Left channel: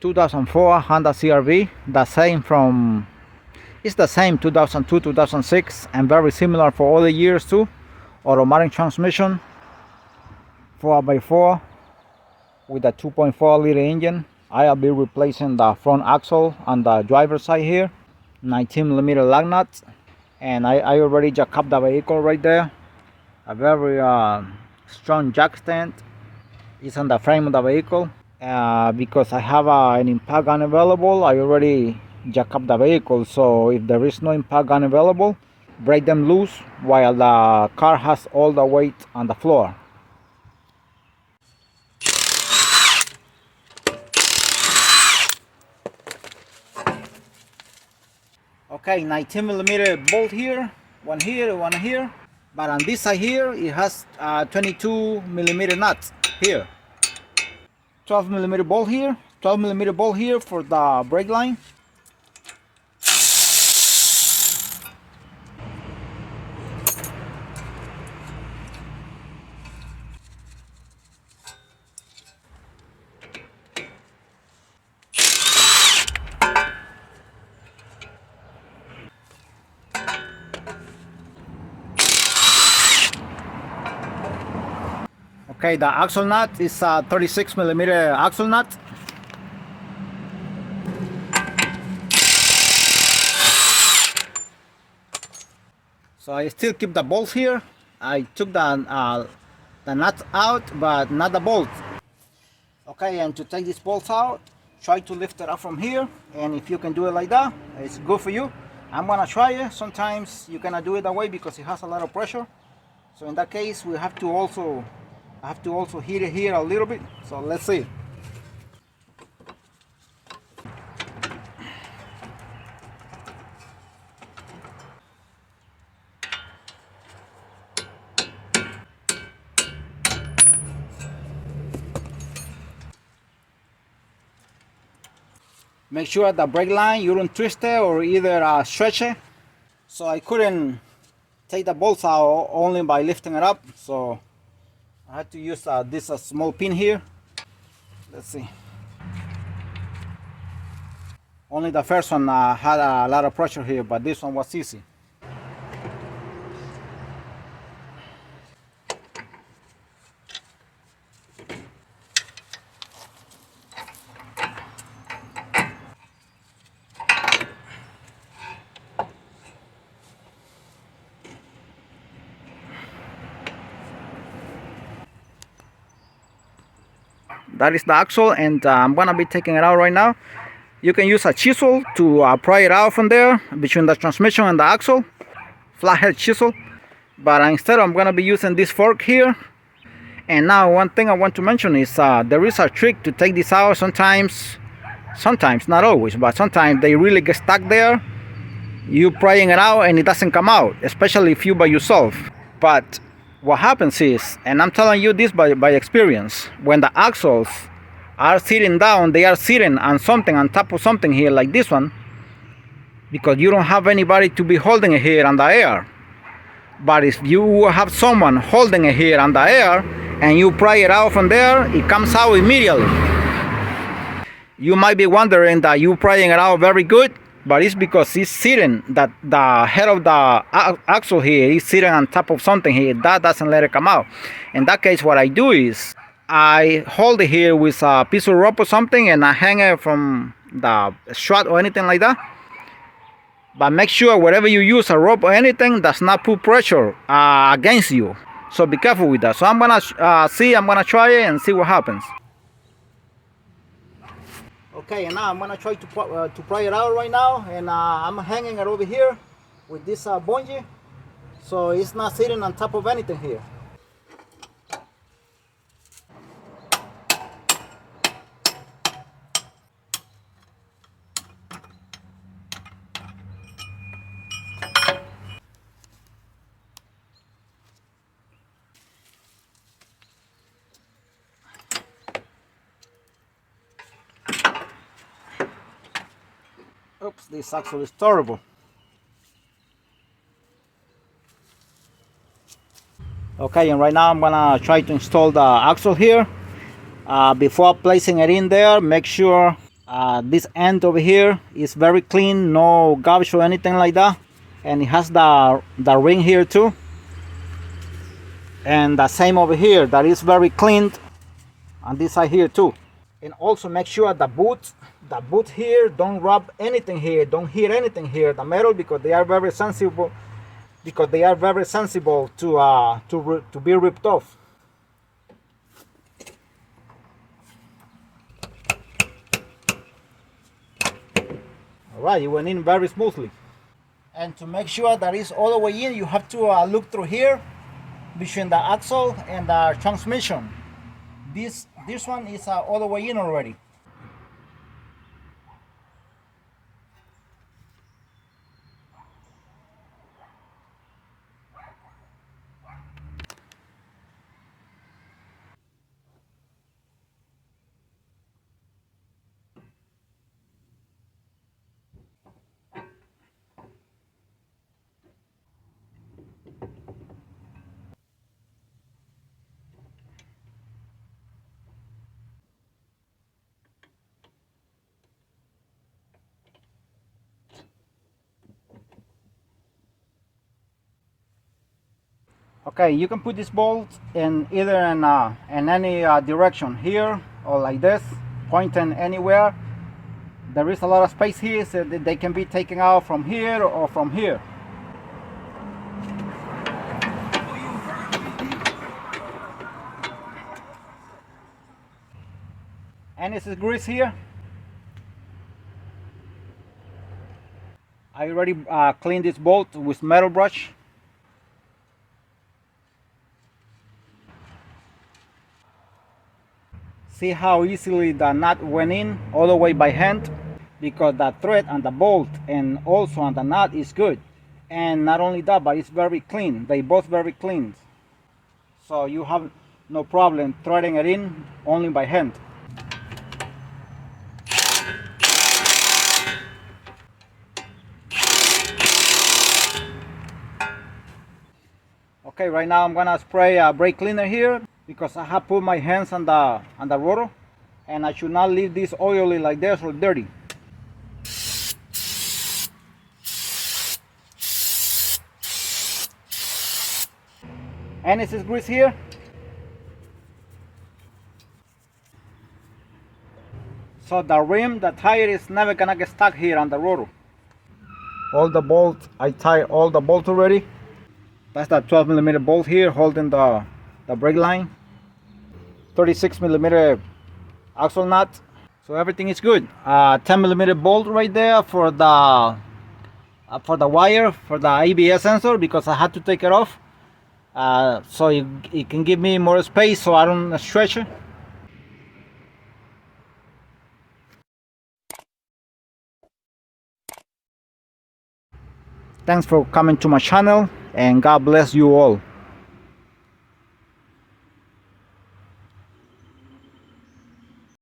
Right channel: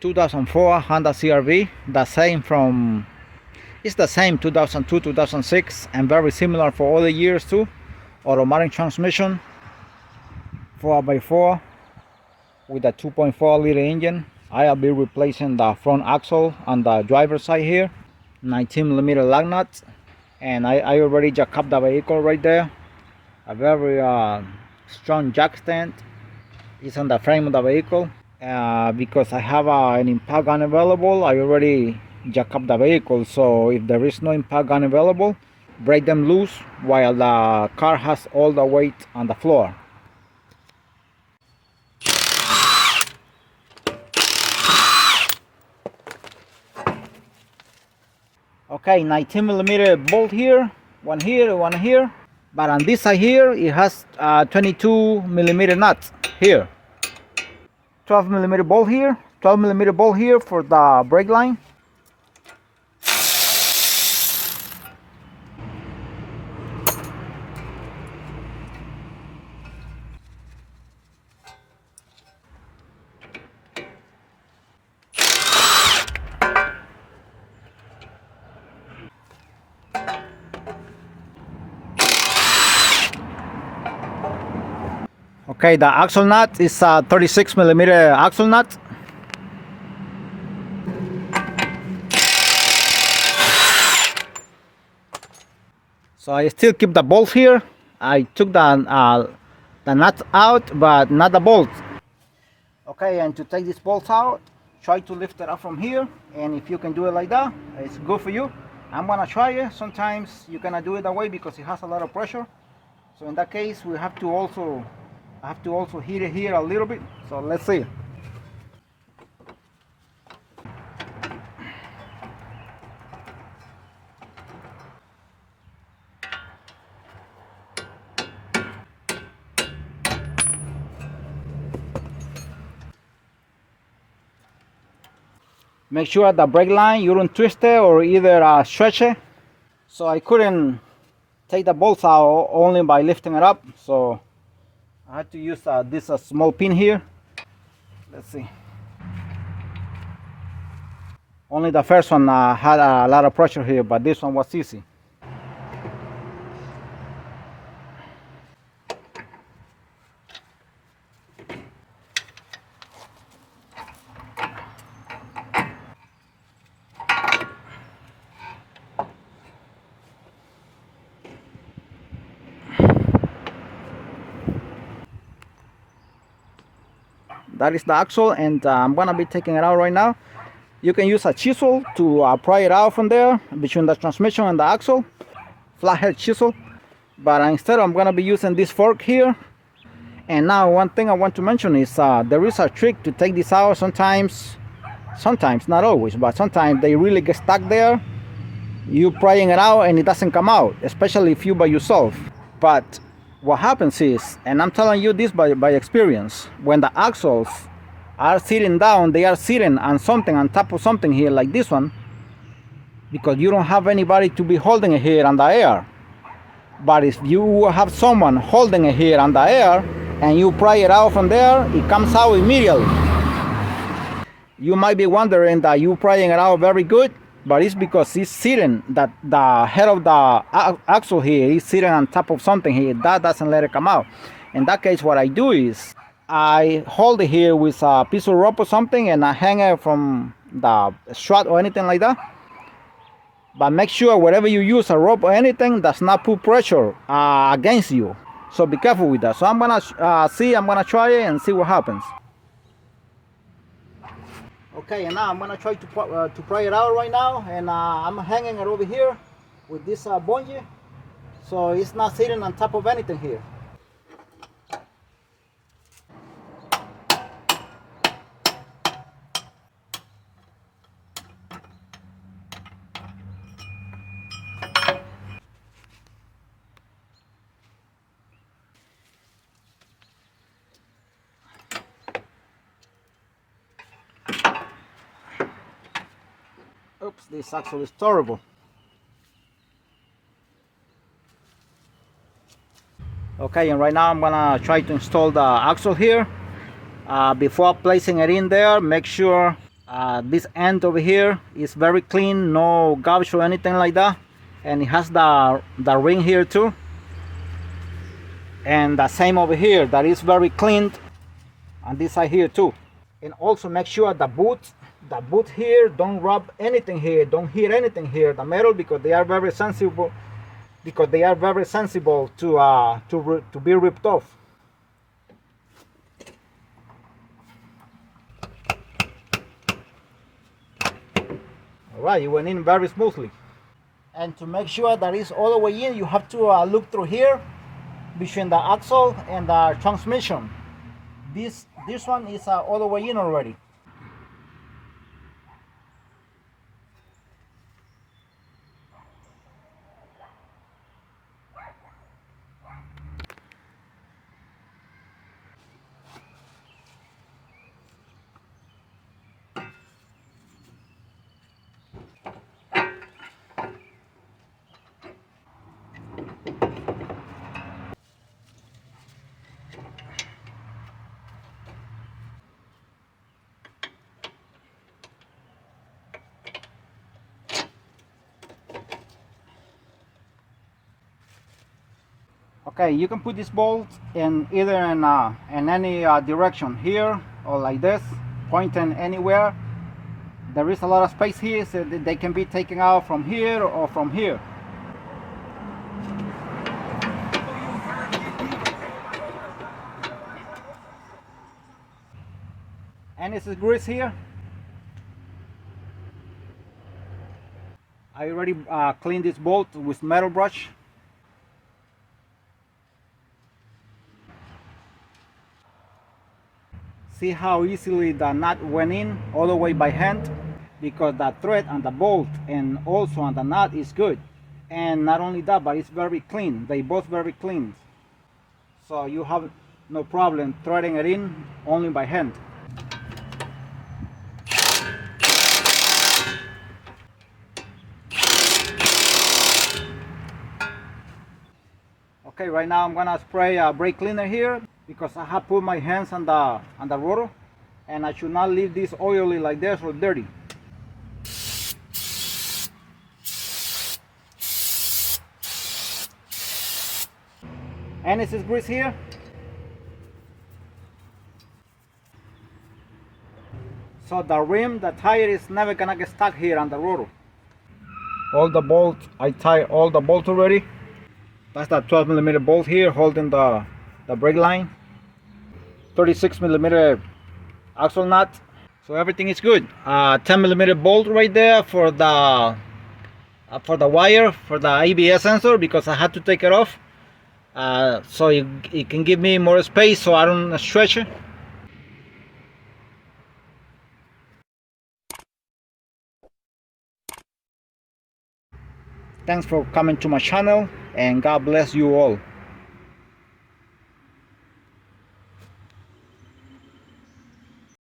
2004 Honda CRV, the same from, it's the same 2002, 2006, and very similar for all the years too. Automatic transmission, 4x4 with a 2.4 liter engine. I'll be replacing the front axle on the driver's side here, 19mm lug nuts, and I already jacked up the vehicle right there. A very strong jack stand is on the frame of the vehicle. Because I have an impact gun available, I already jack up the vehicle, so if there is no impact gun available, break them loose while the car has all the weight on the floor. Okay, 19mm bolt here, one here, but on this side here it has 22mm nuts here. 12mm bolt here, 12mm bolt here for the brake line. Okay, the axle nut is a 36mm axle nut. So I still keep the bolts here. I took the nuts out, but not the bolts. Okay, and to take these bolts out, try to lift it up from here. And if you can do it like that, it's good for you. I'm gonna try it. Sometimes you cannot do it that way because it has a lot of pressure. So in that case, we have to also heat it here a little bit. So let's see. Make sure the brake line you don't twist it or either stretch it. So I couldn't take the bolts out only by lifting it up, so I had to use this small pin here. Let's see. Only the first one had a lot of pressure here, but this one was easy. That is the axle, and I'm gonna be taking it out right now. You can use a chisel to pry it out from there between the transmission and the axle, flathead chisel. But instead, I'm gonna be using this fork here. And now, one thing I want to mention is there is a trick to take this out. Sometimes, not always, but sometimes they really get stuck there. You prying it out and it doesn't come out, especially if you by yourself. But what happens is, and I'm telling you this by experience, when the axles are sitting down, they are sitting on something, on top of something here like this one, because you don't have anybody to be holding it here on the air. But if you have someone holding it here on the air and you pry it out from there, it comes out immediately. You might be wondering that you prying it out very good, but it's because it's sitting, that the head of the axle here is sitting on top of something here. That doesn't let it come out. In that case, what I do is I hold it here with a piece of rope or something, and I hang it from the strut or anything like that. But make sure wherever you use a rope or anything does not put pressure against you. So be careful with that. So I'm gonna try it and see what happens. Okay, and now I'm gonna try to pry it out right now, and I'm hanging it over here with this bungee, so it's not sitting on top of anything here. Oops, this axle is terrible. Okay, and right now I'm gonna try to install the axle here. Before placing it in there, make sure This end over here is very clean, no garbage or anything like that, and it has the ring here too, and the same over here, that is very clean on this side here too. And also make sure the boot here, don't rub anything here, don't hit anything here, the metal, because they are very sensible, to be ripped off. All right, it went in very smoothly. And to make sure that it's all the way in, you have to look through here between the axle and the transmission. This one is all the way in already. Okay, you can put this bolt in either in any direction, here or like this, pointing anywhere. There is a lot of space here, so that they can be taken out from here or from here. And this is grease here. I already cleaned this bolt with metal brush. See how easily the nut went in all the way by hand, because the thread and the bolt and also on the nut is good. And not only that, but it's very clean. They both very clean. So you have no problem threading it in only by hand. Okay, right now I'm gonna spray a brake cleaner here, because I have put my hands on the rotor, and I should not leave this oily like this or dirty. And this is grease here. So the rim, the tire is never gonna get stuck here on the rotor. All the bolts, I tied all the bolts already. That's that 12mm bolt here holding the brake line. 36mm axle nut. So everything is good. 10mm bolt right there for the wire for the ABS sensor, because I had to take it off. So it can give me more space so I don't stretch it. Thanks for coming to my channel, and God bless you all.